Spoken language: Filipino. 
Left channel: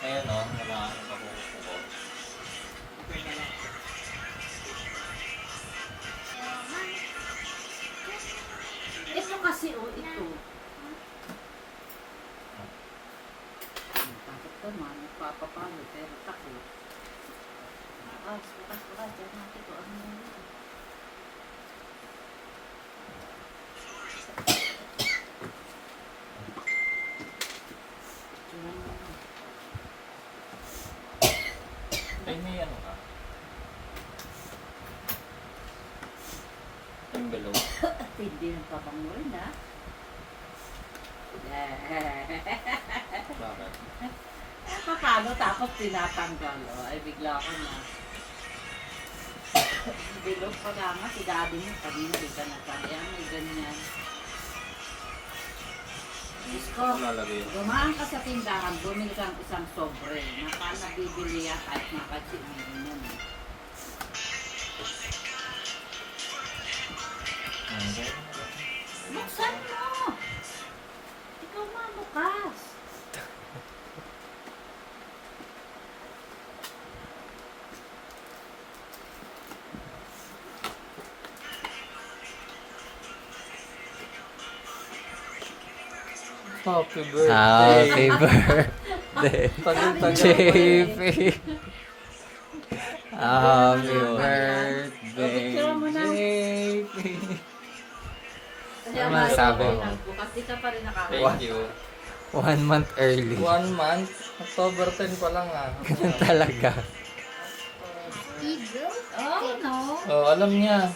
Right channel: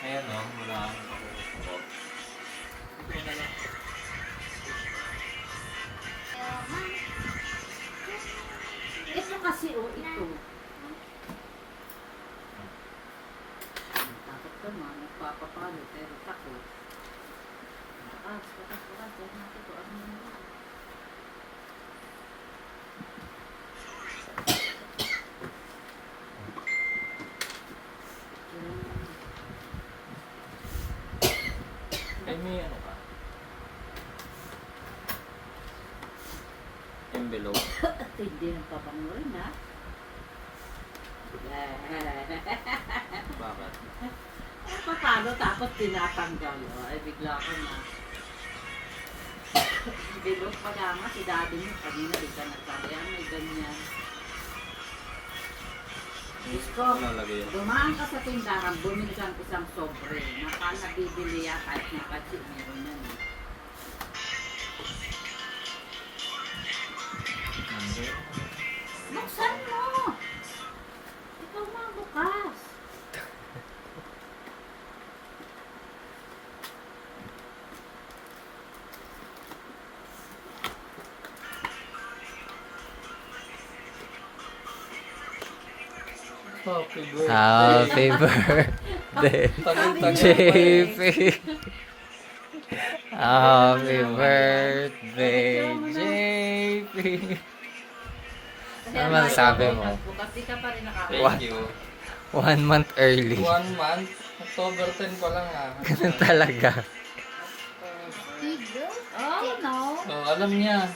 Ayan o, mga papuros na po. Ito kasi ito. Takot ka ma, magpapapalo, pero takot. Patas, dyan natin kung ano yun. Ay, may ano ka? Envelope. Hindi nang papangurin ha. Bakit? Papalo tapos tinatanggal. Ay bigla ko na. Bilog pa nga si daddy mo. Kanina di ka natagyan. May ganyan. Diyos ko, Lalagay yun. dumaan ka sa tindahan, bumili kang isang sobre. Naka nabibili yata at nakachinin mo. Buksan mo! Ikaw mabukas. Happy birthday. Happy birthday, JP. Happy birthday, JP. Ano man sabi mo? Bukas di ka pa rin nakakain. Thank you. 1 month early. 1 month? October 10 pa lang ah. Ganun talaga. Oh, no. Oh, alam niya.